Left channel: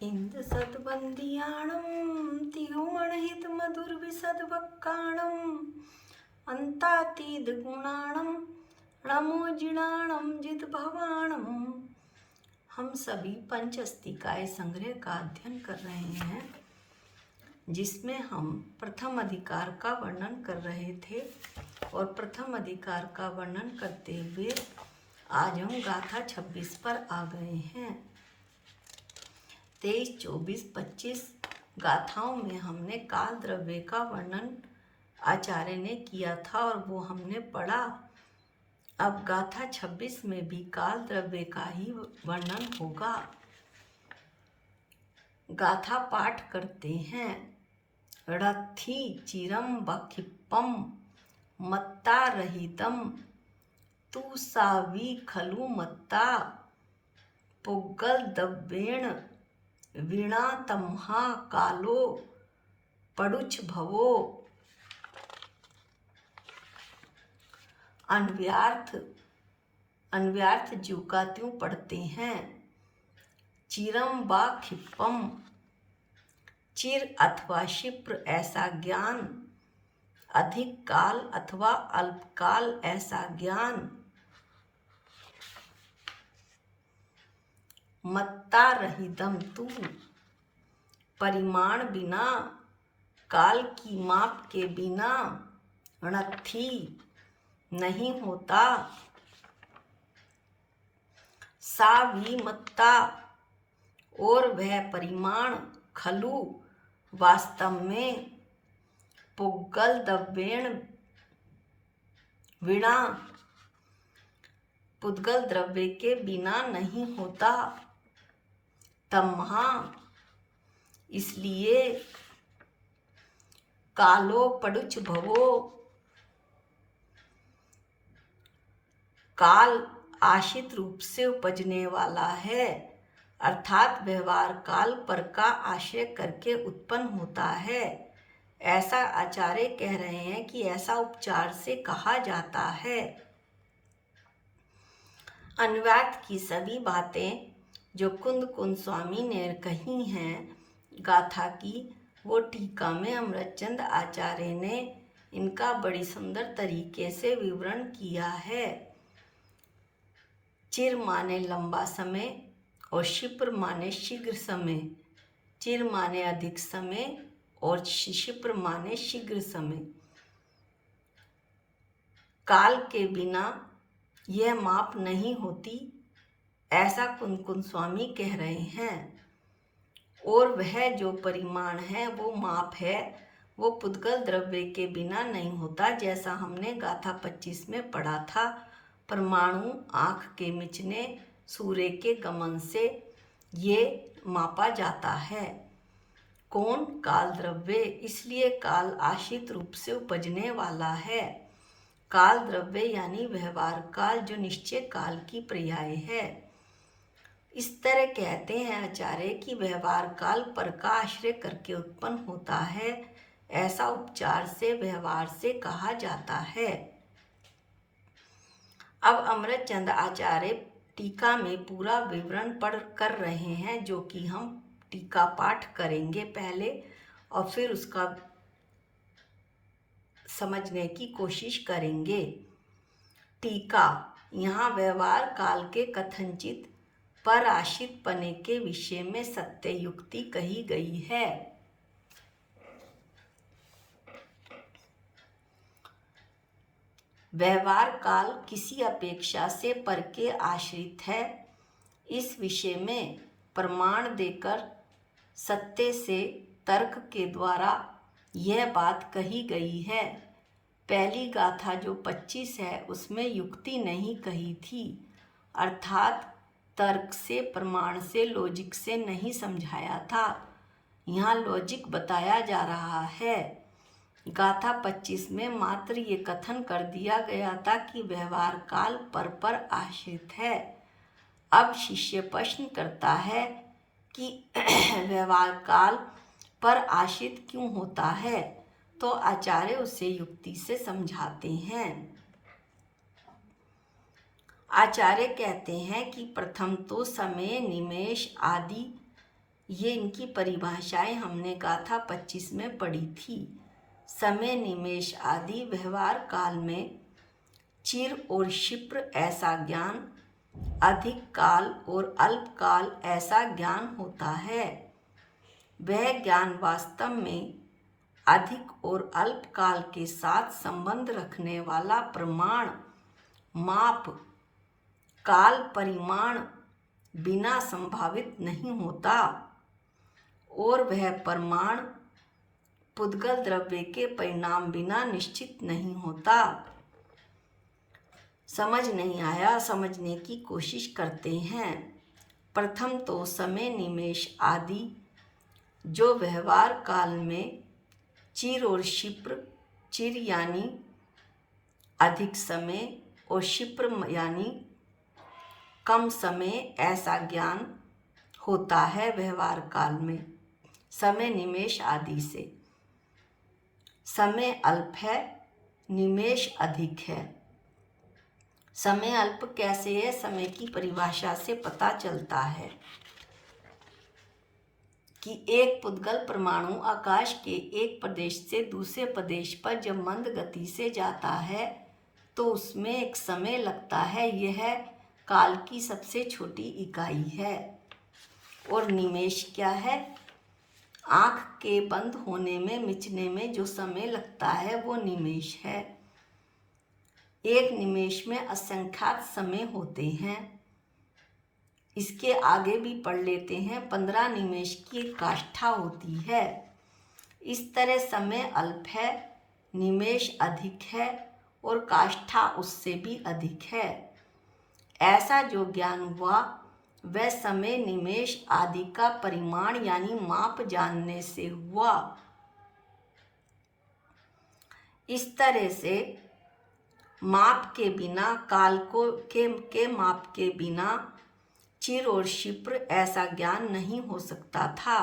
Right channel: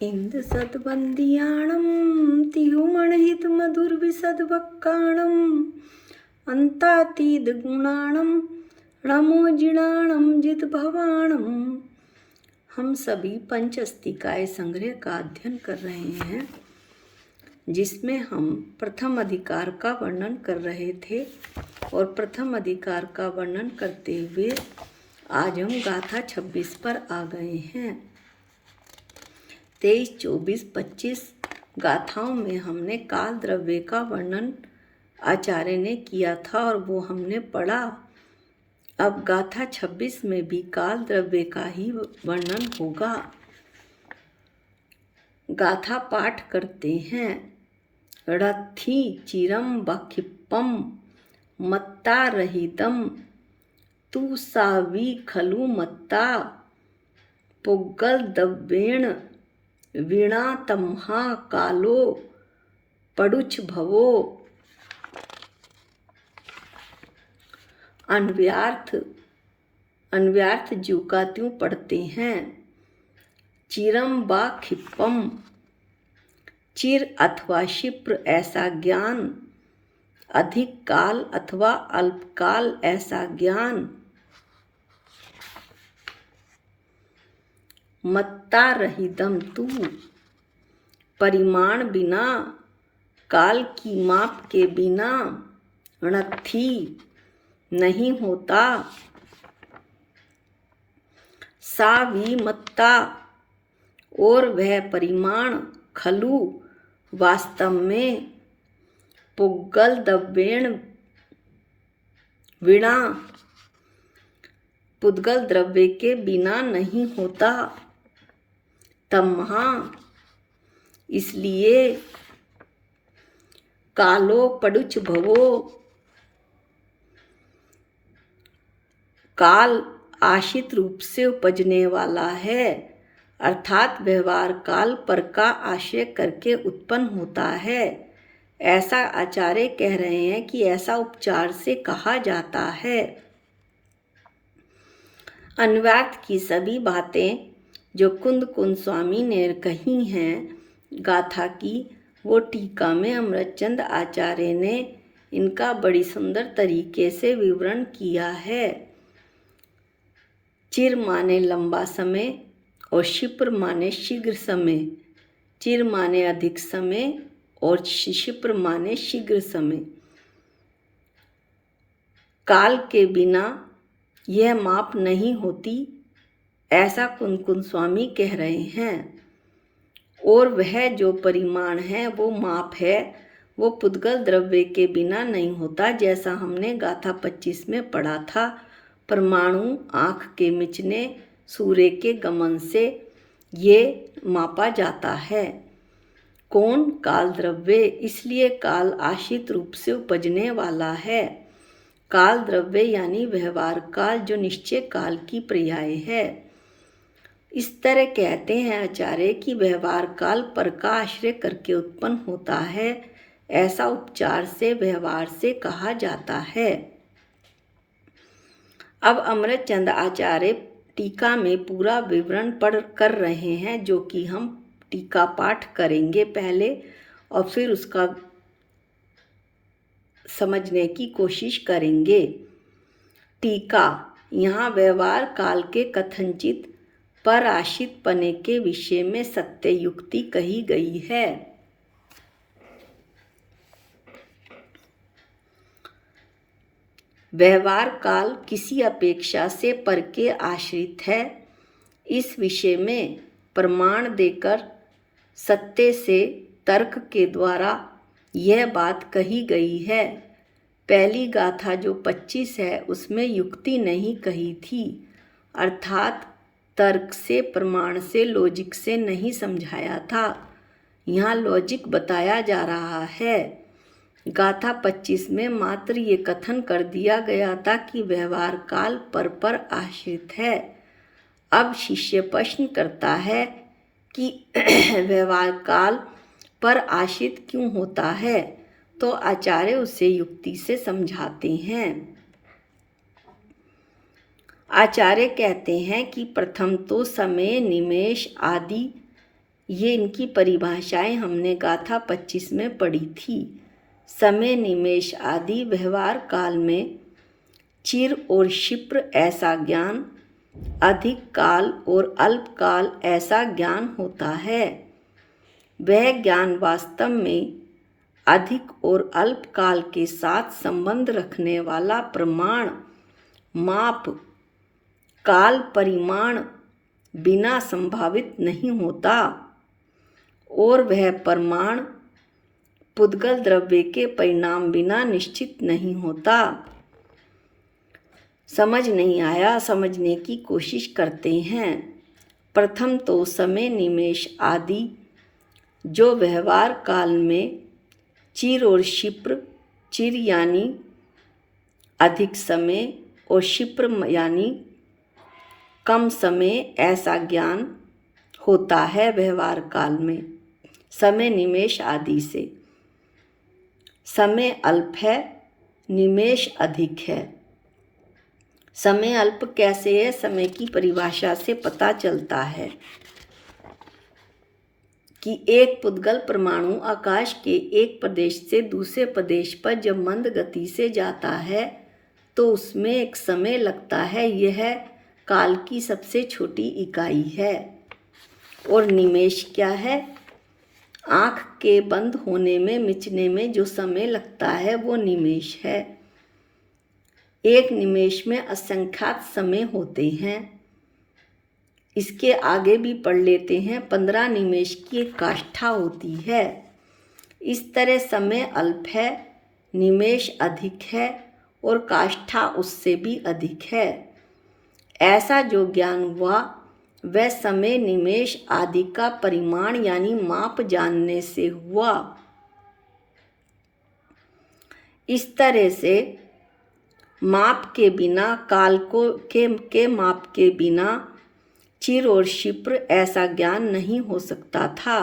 इंद सद्वंदियाणं तिहुमणहित मधुरविसद्वक्काणम् अंतातीद गुणाणं नमोजिणाणं जितभवाणं। हम सभी पंचस्तिकाय संग्रह का अध्ययन कर रहे हैं, जिसमें हम प्रथम अधिकार का वर्णन कर रहे थे और प्रथम अधिकार का वर्णन करते हुए आज हम गाथा 26 पर आ गए हैं। 23, 24, 25 गाथाओं में हमने काल द्रव्य का वर्णन आचार्य ने किया था और वो हमने पढ़ा। अब गाथा 26 में भी काल द्रव्य का ही वर्णन होगा। गाथा पाठ करते हैं। रथी चिरम बखिप्पम मत्ता रहितम तू सावी खलु मत्ता पुग्गल दव्वेण वीणा तम्हा कालो पडुच भवो। अन्व्यार्थ जीव का त्यों पढ़ते हैं। चिरम बा खिप्पम, चिर अथवा क्षिप्र ऐसा ज्ञान, अधिक काल अथवा अल्पकाल ऐसा ज्ञान। मत्ता रहितम तू, परिमाण बिना, काल की माप के बिना, णथी नहीं होता, सावी मत्ता और वह परिमाण, खलु वास्तव में, पुग्गल दव्वेण वीणा पुद्गल द्रव्य के बिना नहीं होता, तम्हा इसलिए, कालो पडुच भवो काल आश्रित रूप से उपजने वाला है, अर्थात व्यवहार काल पर का आश्रय करके उत्पन्न होता है। ऐसा आचार्य कह रहे हैं कि ऐसा उपचार से कहा जाता है। अन्व्यार्थ की सभी बातें जो कुंद स्वामी ने कही हैं गाथा की, वो टीका में अमृतचंद आचार्य ने इनका बड़ी सुंदर तरीके से विवरण किया है। चिर माने लंबा समय और क्षिप्र माने शीघ्र समय। चिर माने अधिक समय और क्षिप्र माने शीघ्र समय। काल के बिना यह माप नहीं होती, ऐसा कुंद स्वामी कह रहे हैं। और वह जो परिमाण है, वो माप है, वो पुद्गल द्रव्य के बिना नहीं होता, जैसा हमने गाथा 25 में पढ़ा था। परमाणु आँख के मिचने, सूर्य के गमन से ये मापा जाता है। कौन? काल द्रव्य। इसलिए काल आश्रित रूप से उपजने वाला है। काल द्रव्य यानी व्यवहार काल, जो निश्चय काल की पर्याय है। इस तरह कहते हैं आचार्य कि व्यवहार काल पर का आश्रय करके उत्पन्न होता है। ऐसा उपचार से व्यवहार से कहा जाता है। अब अमृतचंद आचार्य टीका में पूरा विवरण पढ़ कर रहे हैं, जो कि हम टीका पाठ करेंगे पहले और फिर उसका समझने की कोशिश करेंगे। टीका। यहाँ व्यवहार काल के कथनचित पर आश्रित पने के विषय में सत्य युक्ति कही गई है। व्यवहार काल किसी अपेक्षा से पर के आश्रित है। इस विषय में प्रमाण देकर सत्य से तर्क के द्वारा यह बात कही गई है। पहली गाथा जो 25 है, उसमें युक्ति नहीं कही थी, अर्थात तर्क से, प्रमाण से, लॉजिक से नहीं समझाया था। यहाँ लॉजिक बताया जा रहा है। गाथा 25 में मात्र ये कथन कर दिया गया था कि व्यवहार काल पर आश्रित है। अब शिष्य प्रश्न करता है कि व्यवहार काल पर आश्रित क्यों होता है, तो आचार्य उसे युक्ति से समझाते हैं। आचार्य कहते हैं कि प्रथम तो समय, निमेष आदि ये इनकी परिभाषाएं हमने गाथा 25 में पढ़ी थी। समय, निमेष आदि व्यवहार काल में चिर और क्षिप्र ऐसा ज्ञान, अधिक काल और अल्प काल ऐसा ज्ञान होता है। वह ज्ञान वास्तव में अधिक और अल्प काल के साथ संबंध रखने वाला प्रमाण, माप, काल परिमाण बिना संभावित नहीं होता और वह प्रमाण पुद्गल द्रव्य के परिणाम बिना निश्चित नहीं होता। समझ नहीं आया, समझने की कोशिश करते हैं। प्रथम तो समय, निमेष आदि जो व्यवहार काल में चिर और क्षिप्र, चिर यानी अधिक समय और क्षिप्र यानी कम समय ऐसा ज्ञान होता है व्यवहार काल में समय, निमेष आदि से। समय अल्प है, निमेष अधिक है। समय अल्प कैसे है? समय की परिभाषा से पता चलता है कि एक पुद्गल परमाणु आकाश के एक प्रदेश से दूसरे प्रदेश पर जब मंद गति से जाता है तो उसमें एक समय लगता है। यह काल की सबसे छोटी इकाई है। और निमेष क्या है? आँख के बंद होने में, मिचने में जो समय लगता है वो निमेष है। एक निमेष में असंख्यात समय होते हैं। इसके आगे भी पढ़ लेते हैं। 15 निमेष की एक काष्ठा होती है। इस तरह समय अल्प है, निमेष अधिक है और काष्ठा उससे भी अधिक है। ऐसा जो ज्ञान हुआ वह समय, निमेष आदि का परिमाण यानी माप जानने से हुआ। इस तरह से माप के बिना, काल के माप के बिना चिर और क्षिप्र ऐसा ज्ञान नहीं हो सकता था।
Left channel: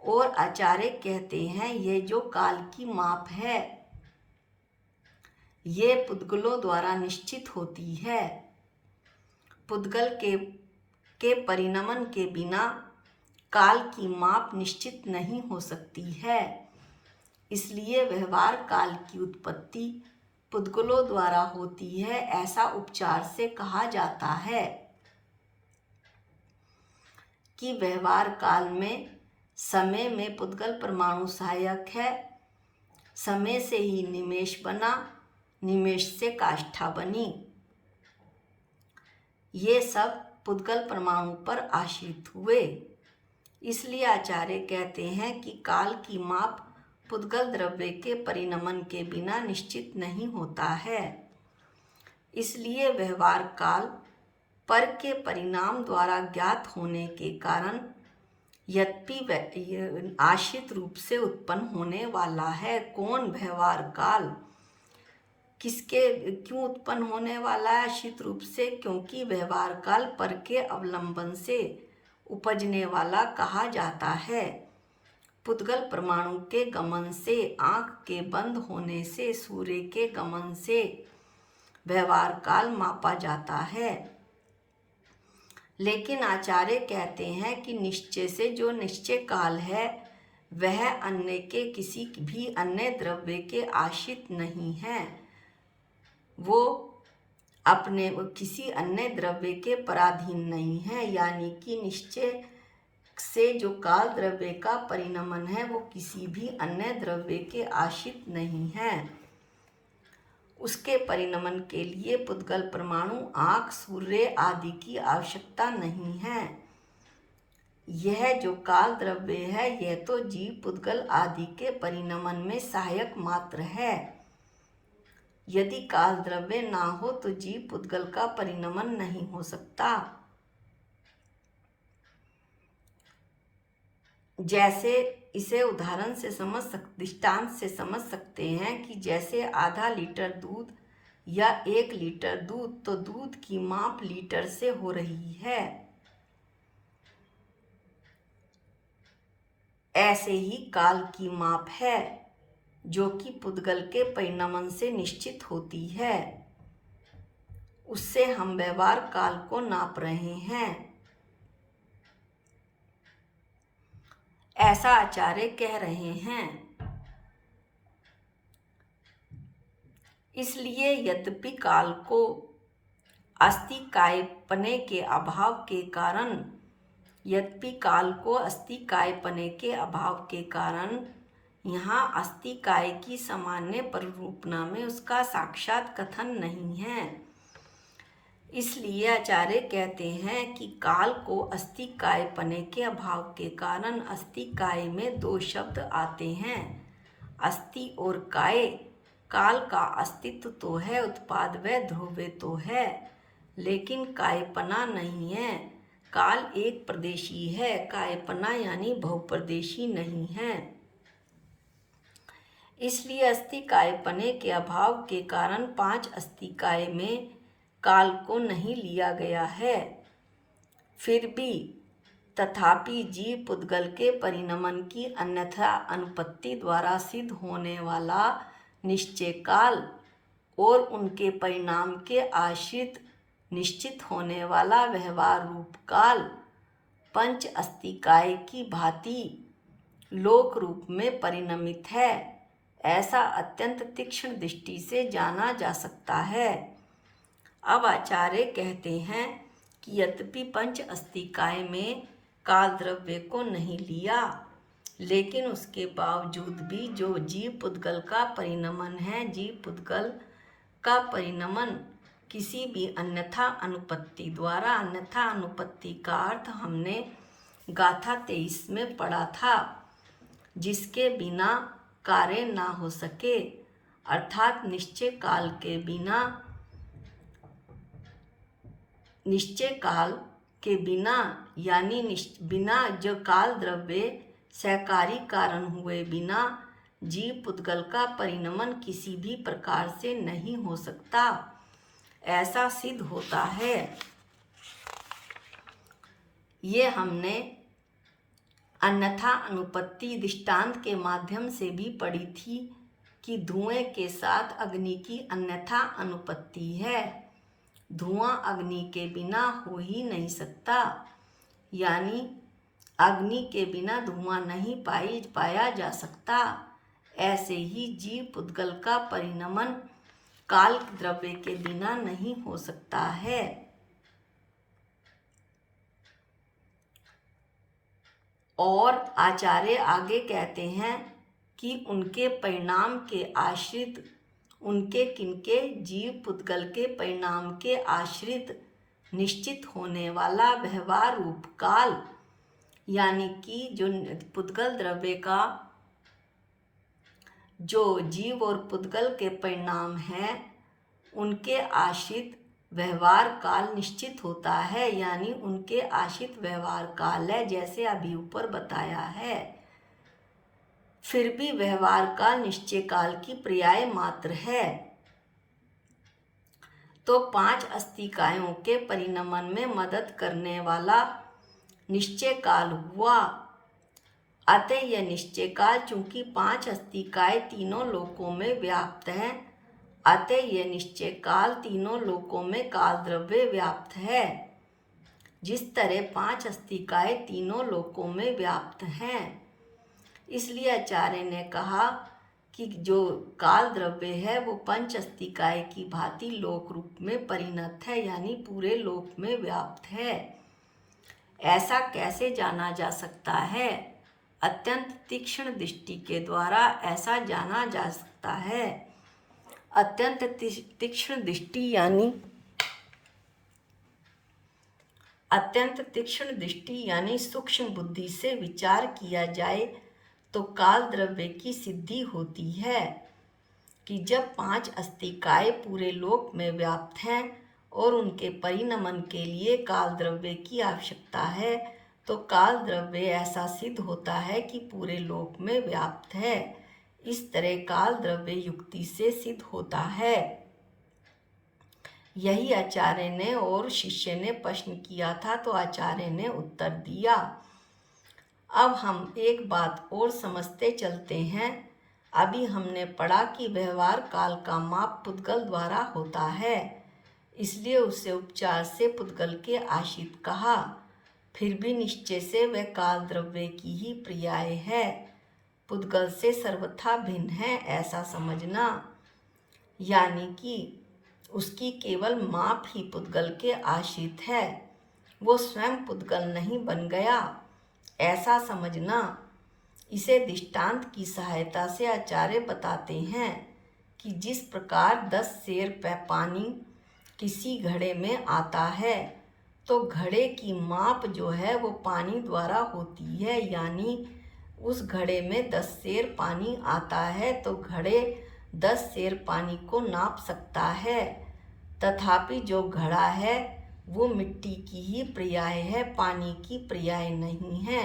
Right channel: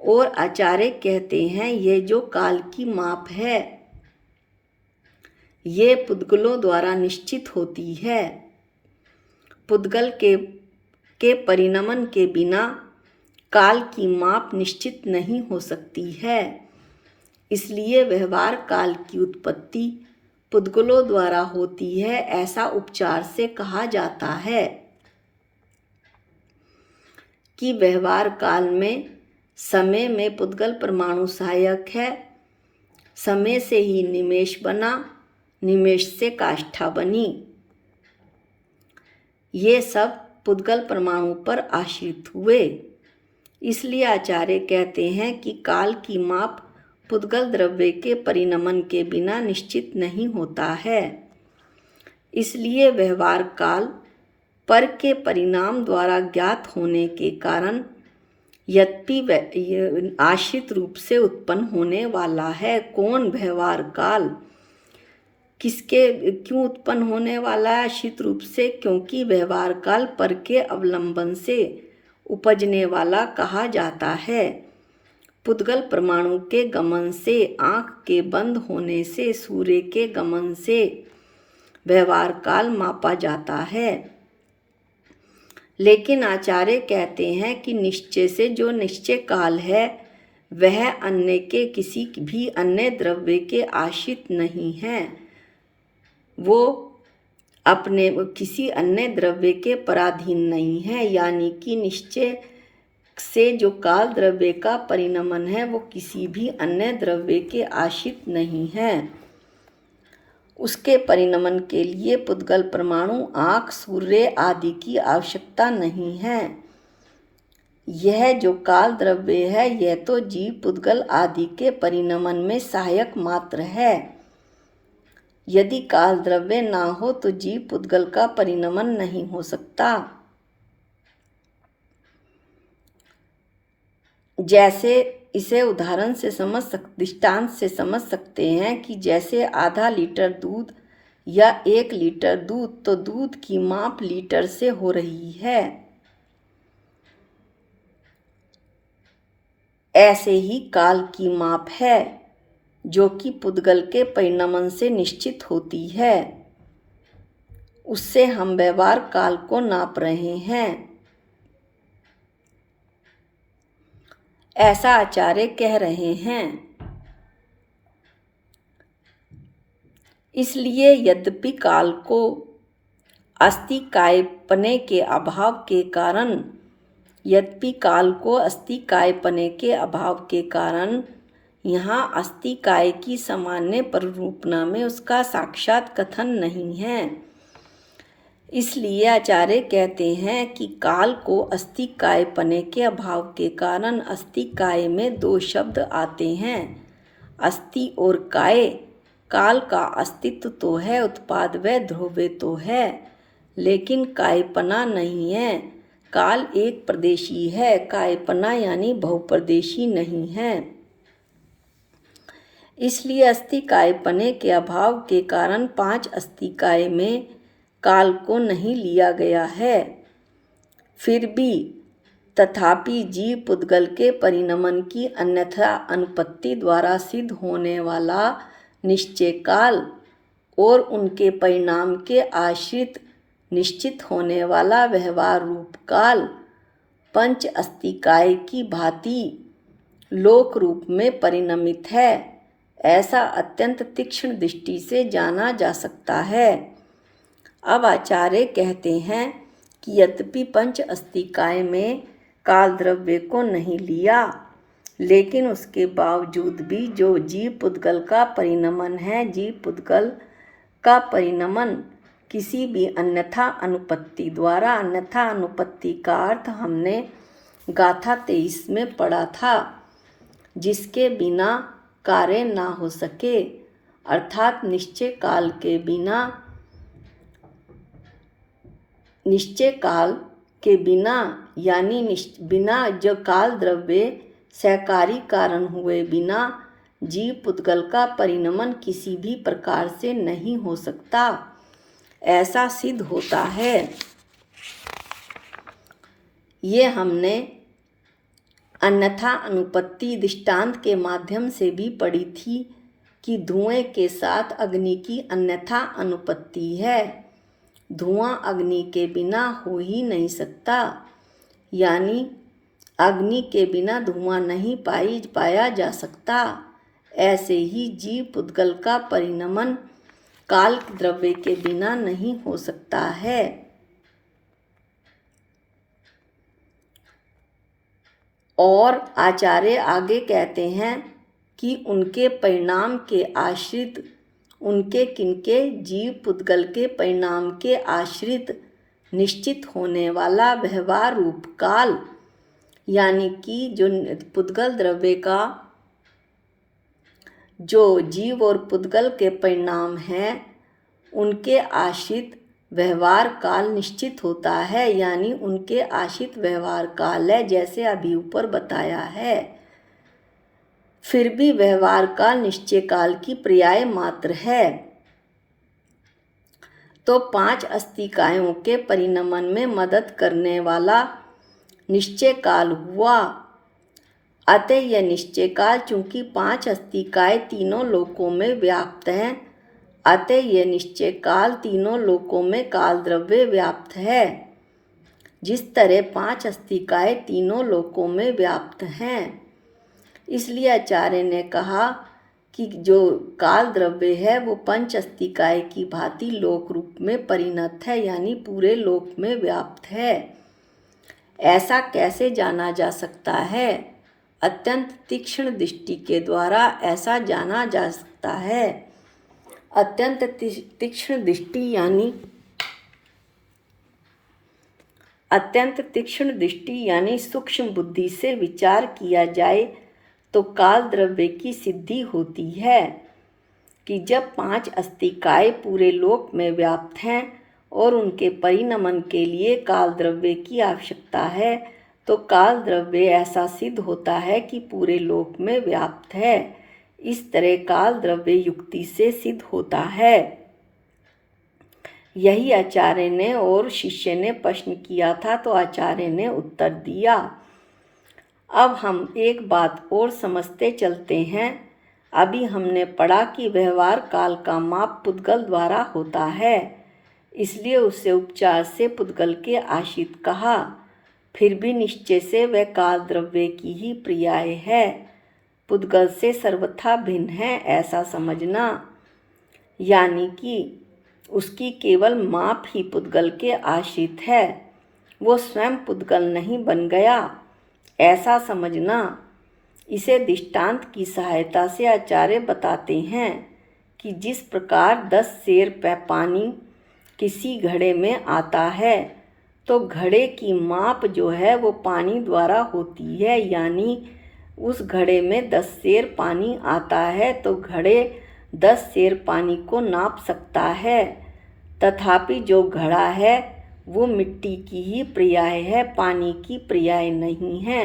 और आचार्य कहते हैं ये जो काल की माप है ये पुद्गलों द्वारा निश्चित होती है। पुद्गल के परिणमन के बिना काल की माप निश्चित नहीं हो सकती है। इसलिए व्यवहार काल की उत्पत्ति पुद्गलों द्वारा होती है, ऐसा उपचार से कहा जाता है कि व्यवहार काल में समय में पुद्गल परमाणु सहायक है। समय से ही निमेष बना, निमेष से काष्ठा बनी। ये सब पुद्गल परमाणु पर आश्रित हुए। इसलिए आचार्य कहते हैं कि काल की माप पुद्गल द्रव्य के परिणमन के बिना निश्चित नहीं होता है। इसलिए व्यवहार काल पर के परिणाम द्वारा ज्ञात होने के कारण यद्यपि आश्रित रूप से उत्पन्न होने वाला है। कौन व्यवहार काल? क्यों उत्पन्न होने वाला है आश्रित रूप से? क्योंकि व्यवहार काल पर के अवलंबन से उपजने वाला कहा जाता है। पुद्गल परमाणु के गमन से, आँख के बंद होने से, सूर्य के गमन से व्यवहार काल मापा जाता है। लेकिन आचार्य कहते हैं कि निश्चय से जो निश्चय काल है वह अन्य के किसी भी अन्य द्रव्य के आश्रित नहीं है। वो अपने किसी अन्य द्रव्य के पराधीन नहीं है। यानी कि निश्चय से जो काल द्रव्य का परिणमन है वो किसी भी अन्य द्रव्य के आश्रित नहीं है। उसके परिणमन के लिए पुद्गल परमाणु, आँख, सूर्य आदि की आवश्यकता नहीं है। यह जो काल द्रव्य है यह तो जीव, पुद्गल आदि के परिणमन में सहायक मात्र है। यदि काल द्रव्य ना हो तो जीव, पुद्गल का परिणमन नहीं हो सकता। जैसे इसे उदाहरण से दृष्टांत से समझ सकते हैं कि जैसे आधा लीटर दूध या 1 लीटर दूध, तो दूध की माप लीटर से हो रही है। ऐसे ही काल की माप है जो कि पुद्गल के परिणमन से निश्चित होती है। उससे हम व्यवहार काल को नाप रहे हैं। ऐसा आचार्य कह रहे हैं। इसलिए यद्यपि काल को अस्तिकायपने के अभाव के कारण यहाँ अस्तिकाय की सामान्य प्ररूपणा में उसका साक्षात कथन नहीं है। इसलिए आचार्य कहते हैं कि काल को अस्तिकायपने के अभाव के कारण अस्तिकाय में दो शब्द आते हैं, अस्ति और काय। काल का अस्तित्व तो है, उत्पाद व ध्रुव्य तो है, लेकिन कायपना नहीं है। काल एक प्रदेशी है, कायपना यानी बहुप्रदेशी नहीं है। इसलिए अस्तिकायपने के अभाव के कारण पांच अस्तिकाय में काल को नहीं लिया गया है। फिर भी तथापि जीव पुद्गल के परिणमन की अन्यथा अनुपत्ति द्वारा सिद्ध होने वाला निश्चय काल और उनके परिणाम के आश्रित निश्चित होने वाला व्यवहार रूप काल पंच अस्तिकाय की भांति लोक रूप में परिणमित है, ऐसा अत्यंत तीक्ष्ण दृष्टि से जाना जा सकता है। अब आचार्य कहते हैं कि यद्यपि पंच अस्तिकाय में काल द्रव्य को नहीं लिया, लेकिन उसके बावजूद भी जो जीव पुद्गल का परिणमन है, जीव पुद्गल का परिणमन किसी भी अन्यथा अनुपत्ति द्वारा, अन्यथा अनुपत्ति का अर्थ हमने गाथा 23 में पढ़ा था, जिसके बिना कार्य ना हो सके, अर्थात निश्चय काल के बिना यानी बिना जो काल द्रव्य सहकारी कारण हुए बिना जीव पुद्गल का परिणमन किसी भी प्रकार से नहीं हो सकता, ऐसा सिद्ध होता है। ये हमने अन्यथा अनुपत्ति दृष्टांत के माध्यम से भी पढ़ी थी कि धुएं के साथ अग्नि की अन्यथा अनुपत्ति है। धुआं अग्नि के बिना हो ही नहीं सकता, यानी अग्नि के बिना धुआं नहीं पाया जा सकता। ऐसे ही जीव पुद्गल का परिणमन काल द्रव्य के बिना नहीं हो सकता है। और आचार्य आगे कहते हैं कि उनके परिणाम के आश्रित, उनके किनके जीव पुद्गल के परिणाम के आश्रित निश्चित होने वाला व्यवहार रूप काल, यानी कि जो पुद्गल द्रव्य का जो जीव और पुद्गल के परिणाम हैं उनके आश्रित व्यवहार काल निश्चित होता है, यानी उनके आश्रित व्यवहार काल है, जैसे अभी ऊपर बताया है। फिर भी व्यवहार काल निश्चय काल की पर्याय मात्र है। तो पांच अस्तिकायों के परिणमन में मदद करने वाला निश्चय काल हुआ। अतः यह निश्चय काल चूंकि पांच अस्तिकाय तीनों लोकों में व्याप्त हैं, अतः यह निश्चय काल तीनों लोकों में काल द्रव्य व्याप्त है। जिस तरह पांच अस्तिकाय तीनों लोकों में व्याप्त हैं, इसलिए आचार्य ने कहा कि जो काल द्रव्य है वो पंच अस्तिकाय की भांति लोक रूप में परिणत है, यानी पूरे लोक में व्याप्त है। ऐसा कैसे जाना जा सकता है? अत्यंत तीक्ष्ण दृष्टि के द्वारा ऐसा जाना जा सकता है। अत्यंत तीक्ष्ण दृष्टि यानी सूक्ष्म बुद्धि से विचार किया जाए तो काल द्रव्य की सिद्धि होती है कि जब पांच अस्तिकाय पूरे लोक में व्याप्त हैं और उनके परिणमन के लिए काल द्रव्य की आवश्यकता है, तो काल द्रव्य ऐसा सिद्ध होता है कि पूरे लोक में व्याप्त है। इस तरह काल द्रव्य युक्ति से सिद्ध होता है। यही आचार्य ने और शिष्य ने प्रश्न किया था, तो आचार्य ने उत्तर दिया। अब हम एक बात और समझते चलते हैं। अभी हमने पढ़ा कि व्यवहार काल का माप पुद्गल द्वारा होता है, इसलिए उसे उपचार से पुद्गल के आश्रित कहा। फिर भी निश्चय से वह काल द्रव्य की ही पर्याय है, पुद्गल से सर्वथा भिन्न है ऐसा समझना। यानी कि उसकी केवल माप ही पुद्गल के आश्रित है, वो स्वयं पुद्गल नहीं बन गया ऐसा समझना। इसे दृष्टांत की सहायता से आचार्य बताते हैं कि जिस प्रकार 10 सेर पानी किसी घड़े में आता है तो घड़े की माप जो है वो पानी द्वारा होती है, यानी उस घड़े में 10 सेर पानी आता है तो घड़े 10 सेर पानी को नाप सकता है। तथापि जो घड़ा है वो मिट्टी की ही पर्याय है, पानी की पर्याय नहीं है।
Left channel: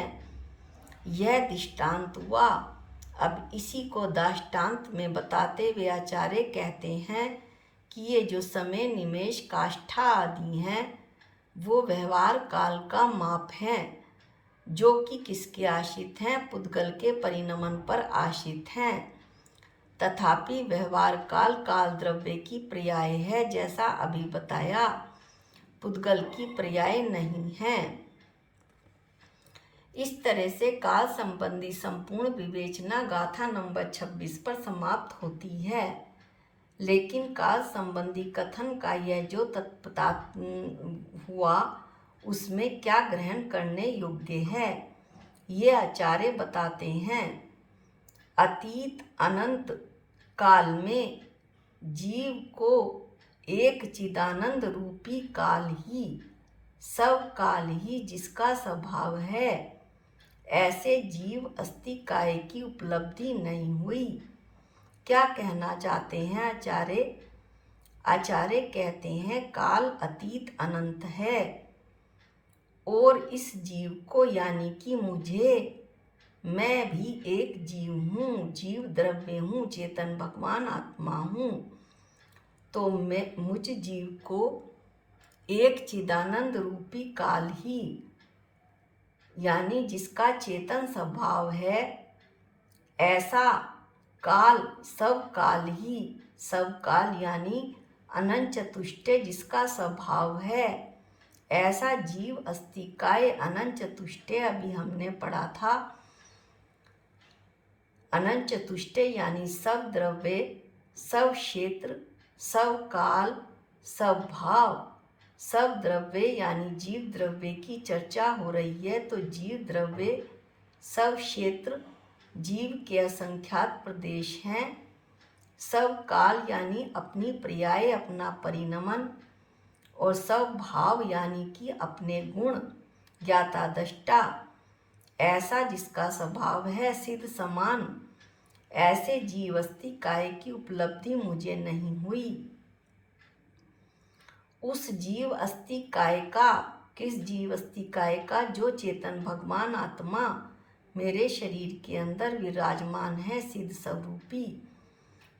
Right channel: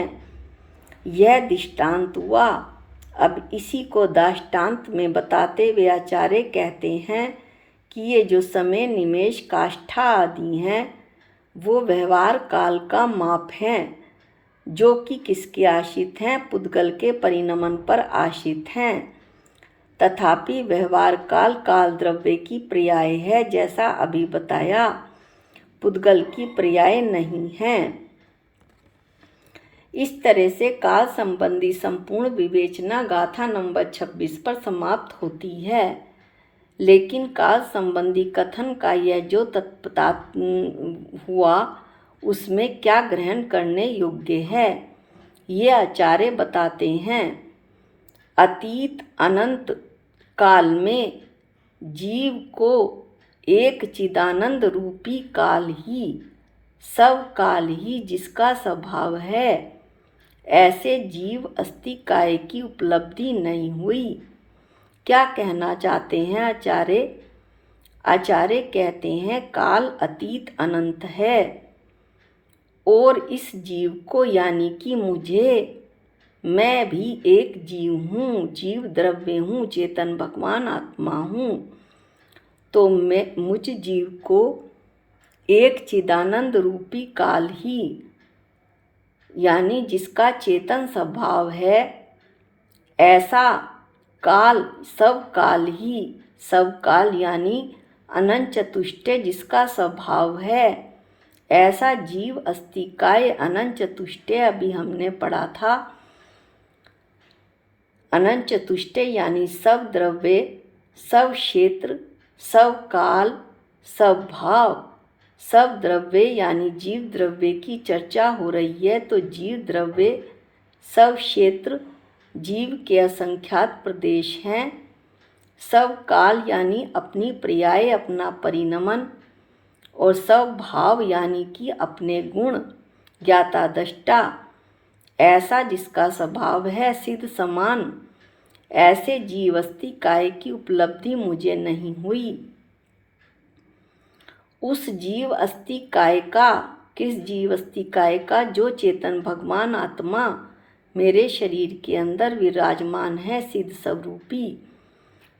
यह दृष्टांत हुआ। अब इसी को दाष्टान्त में बताते हुए आचार्य कहते हैं कि ये जो समय, निमेष, काष्ठा आदि हैं वो व्यवहार काल का माप हैं, जो कि किसके आश्रित हैं? पुद्गल के परिणमन पर आश्रित हैं। तथापि व्यवहार काल काल द्रव्य की पर्याय है, जैसा अभी बताया, पुद्गल की पर्याय नहीं है। इस तरह से काल संबंधी संपूर्ण विवेचना गाथा नंबर 26 पर समाप्त होती है। लेकिन काल संबंधी कथन का यह जो तत्पता हुआ उसमें क्या ग्रहण करने योग्य है, ये आचार्य बताते हैं। अतीत अनंत काल में जीव को एक चिदानंद रूपी काल ही, सब काल ही जिसका स्वभाव है, ऐसे जीव अस्थि काय की उपलब्धि नहीं हुई। क्या कहना चाहते हैं आचार्य? आचार्य कहते हैं काल अतीत अनंत है और इस जीव को, यानी कि मुझे, मैं भी एक जीव हूँ, जीव द्रव्य हूँ, चेतन भगवान आत्मा हूँ, तो मैं मुझ जीव को एक चिदानंद रूपी काल ही, यानी जिसका चेतन स्वभाव है, ऐसा काल, सब काल ही, सब काल यानी अनंत चतुष्टय जिसका स्वभाव है, ऐसा जीव अस्थि काय अनंत चतुष्टय अभी हमने पढ़ा था। अनंत चतुष्टय यानी सब द्रव्य, सब क्षेत्र, सब काल, सब भाव, सब द्रव्य यानी जीव द्रव्य की चर्चा हो रही है। तो जीव द्रव्य, सब क्षेत्र जीव के असंख्यात प्रदेश हैं, सब काल यानी अपनी पर्याय, अपना परिणमन, और सब भाव यानी कि अपने गुण, ज्ञाता दृष्टा, ऐसा जिसका स्वभाव है सिद्ध समान, ऐसे जीव अस्थि काय की उपलब्धि मुझे नहीं हुई। उस जीव अस्थि काय का, किस जीव अस्थि काय का? जो चेतन भगवान आत्मा मेरे शरीर के अंदर विराजमान है, सिद्ध स्वरूपी,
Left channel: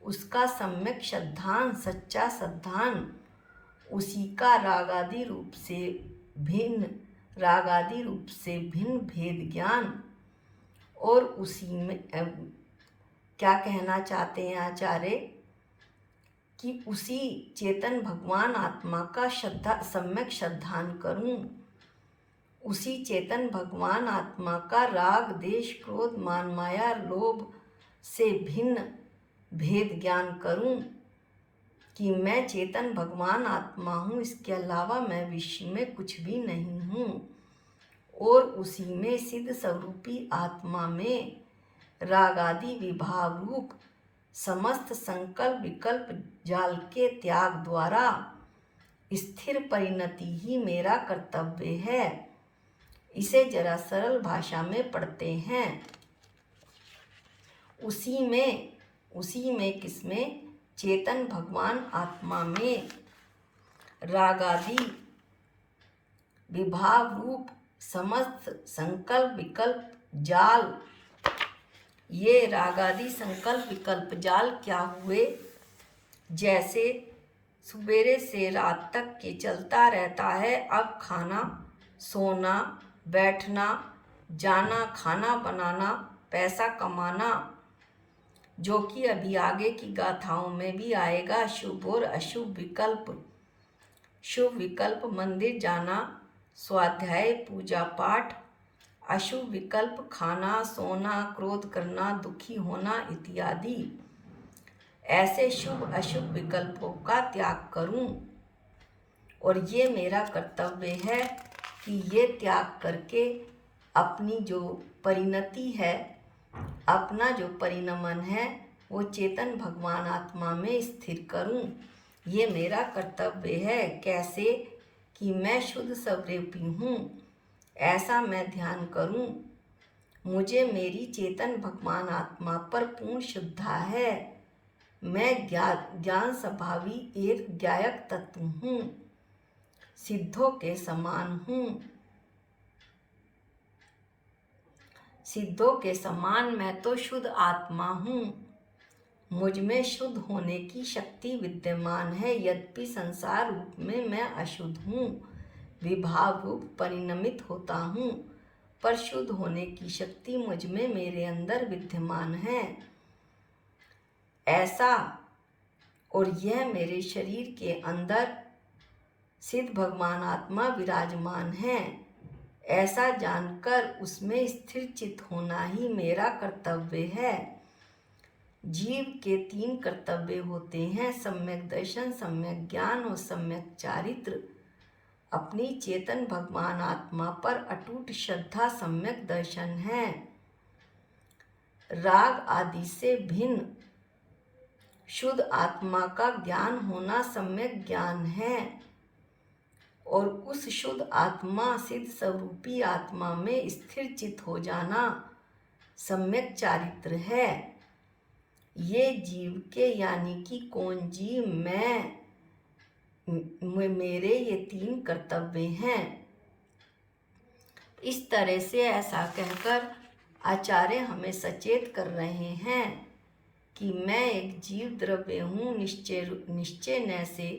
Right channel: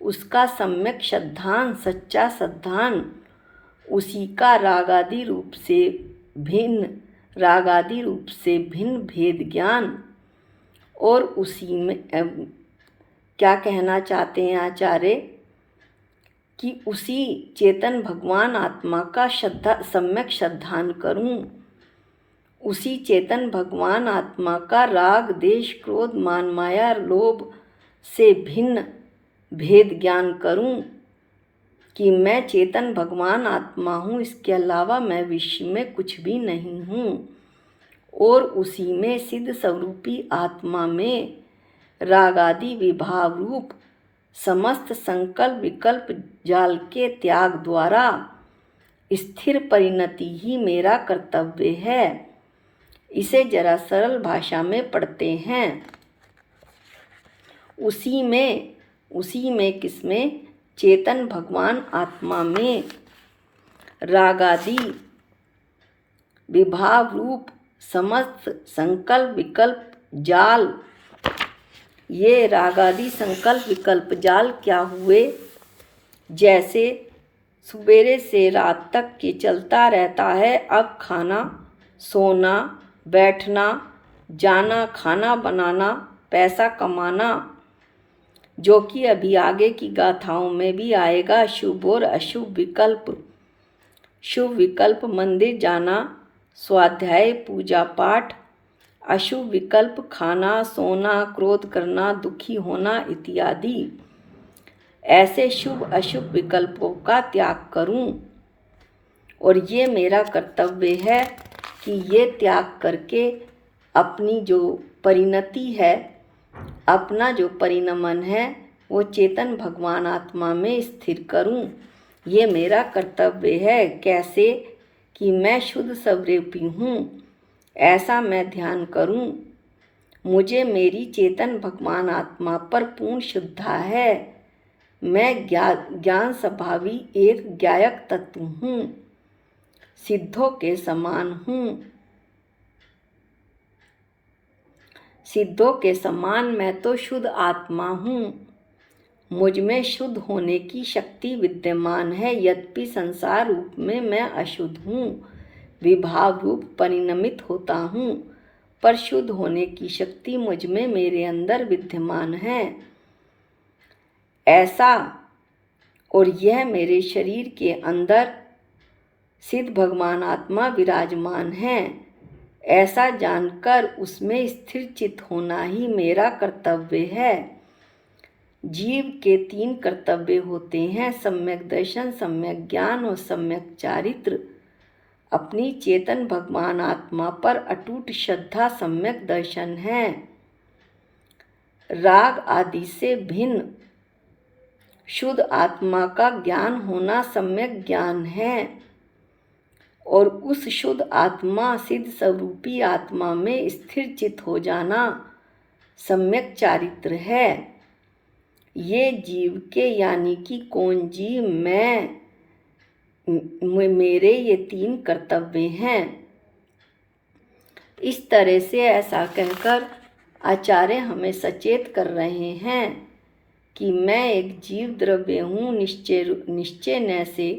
उसका सम्यक श्रद्धान, सच्चा श्रद्धान, उसी का रागादि रूप से भिन्न भेद ज्ञान, और उसी में क्या कहना चाहते हैं आचार्य कि उसी चेतन भगवान आत्मा का सम्यक श्रद्धान करूं, उसी चेतन भगवान आत्मा का राग, देश, क्रोध, मान, माया, लोभ से भिन्न भेद ज्ञान करूं कि मैं चेतन भगवान आत्मा हूँ, इसके अलावा मैं विश्व में कुछ भी नहीं हूँ, और उसी में सिद्ध स्वरूपी आत्मा में रागादि विभाव रूप समस्त संकल्प विकल्प जाल के त्याग द्वारा स्थिर परिणति ही मेरा कर्तव्य है। इसे जरा सरल भाषा में पढ़ते हैं। उसी में किसमें? चेतन भगवान आत्मा में रागादि विभाव रूप समस्त संकल्प विकल्प जाल, ये रागादि संकल्प विकल्प जाल क्या हुए? जैसे सवेरे से रात तक के चलता रहता है। अब खाना, सोना, बैठना, जाना, खाना बनाना, पैसा कमाना, जो कि अभी आगे की गाथाओं में भी आएगा। शुभ और अशुभ विकल्प, शुभ विकल्प मंदिर जाना, स्वाध्याय, पूजा पाठ, अशुभ विकल्प, खाना, सोना, क्रोध करना, दुखी होना इत्यादि। ऐसे शुभ अशुभ विकल्पों का त्याग करूं, और ये मेरा कर्तव्य है कि ये त्याग करके अपनी जो परिणति है, अपना जो परिणमन है, वो चेतन भगवान आत्मा में स्थिर करूं। ये मेरा कर्तव्य है। कैसे? कि मैं शुद्ध स्वरूपी हूँ, ऐसा मैं ध्यान करूं। मुझे मेरी चेतन भगवान आत्मा पर पूर्ण श्रद्धा है। मैं ज्ञान स्वभावी एक ज्ञायक तत्व हूँ, सिद्धों के समान हूँ। सिद्धों के समान मैं तो शुद्ध आत्मा हूँ। मुझ में शुद्ध होने की शक्ति विद्यमान है, यद्यपि संसार रूप में मैं अशुद्ध हूँ, विभाव रूप परिणमित होता हूँ, पर शुद्ध होने की शक्ति मुझ में मेरे अंदर विद्यमान है। ऐसा, और यह मेरे शरीर के अंदर सिद्ध भगवान आत्मा विराजमान है, ऐसा जानकर उसमें स्थिर चित्त होना ही मेरा कर्तव्य है। जीव के 3 कर्तव्य होते हैं, सम्यक दर्शन, सम्यक ज्ञान और सम्यक चारित्र। अपनी चेतन भगवान आत्मा पर अटूट श्रद्धा सम्यक दर्शन है। राग आदि से भिन्न शुद्ध आत्मा का ज्ञान होना सम्यक ज्ञान है, और उस शुद्ध आत्मा सिद्ध स्वरूपी आत्मा में स्थिर चित्त हो जाना सम्यक चारित्र है। ये जीव के, यानी कि कौन जीव, मेरे ये 3 कर्तव्य हैं। इस तरह से ऐसा कहकर आचार्य हमें सचेत कर रहे हैं कि मैं एक जीव द्रव्य हूँ, निश्चय न से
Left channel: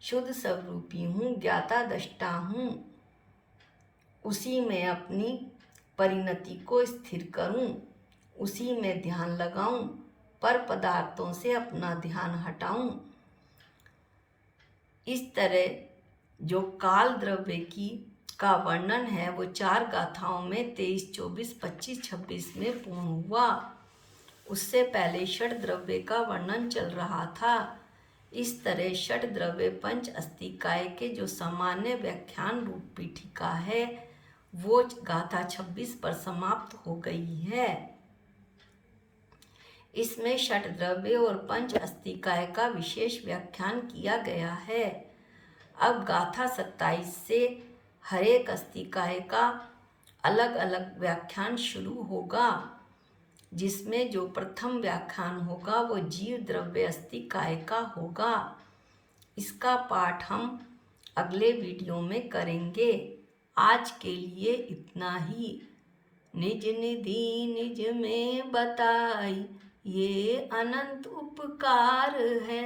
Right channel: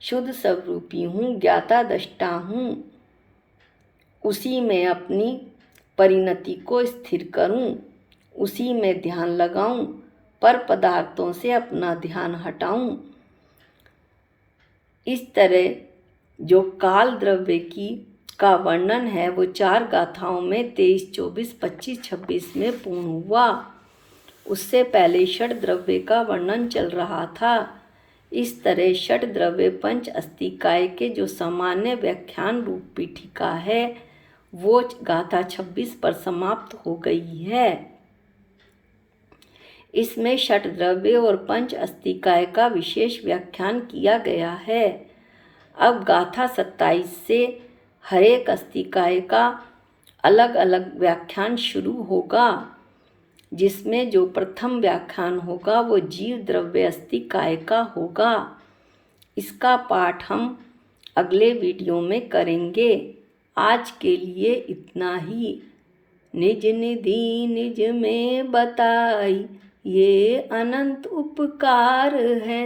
शुद्ध स्वरूपी हूँ, ज्ञाता दृष्टा हूँ। उसी में अपनी परिणति को स्थिर करूँ, उसी में ध्यान लगाऊँ, पर पदार्थों से अपना ध्यान हटाऊँ। इस तरह जो काल द्रव्य का वर्णन है वो 4 गाथाओं में 23, 24, 25, 26 में पूर्ण हुआ। उससे पहले षड द्रव्य का वर्णन चल रहा था। इस तरह षड द्रव्य पंच अस्तिकाय के जो सामान्य व्याख्यान रूप पीठिका है वो गाथा 26 पर समाप्त हो गई है। इसमें षट द्रव्य और पंच अस्तिकाय का विशेष व्याख्यान किया गया है। अब गाथा 27 से हर एक अस्तिकाय का अलग अलग व्याख्यान शुरू होगा, जिसमें जो प्रथम व्याख्यान होगा वो जीव द्रव्य अस्तिकाय का होगा। इसका पाठ हम अगले वीडियो में करेंगे। आज के लिए इतना ही। निज निधि निज में बताई, ये अनंत उपकार है।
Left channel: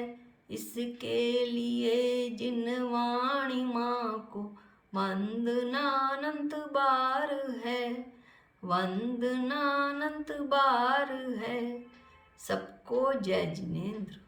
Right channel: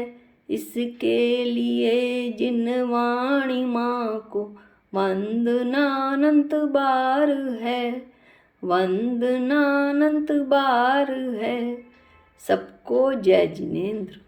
इसके लिए जिन वाणी माँ को वंदनानंत बार है, वंदनानंत बार है। सबको जय जिनेंद्र।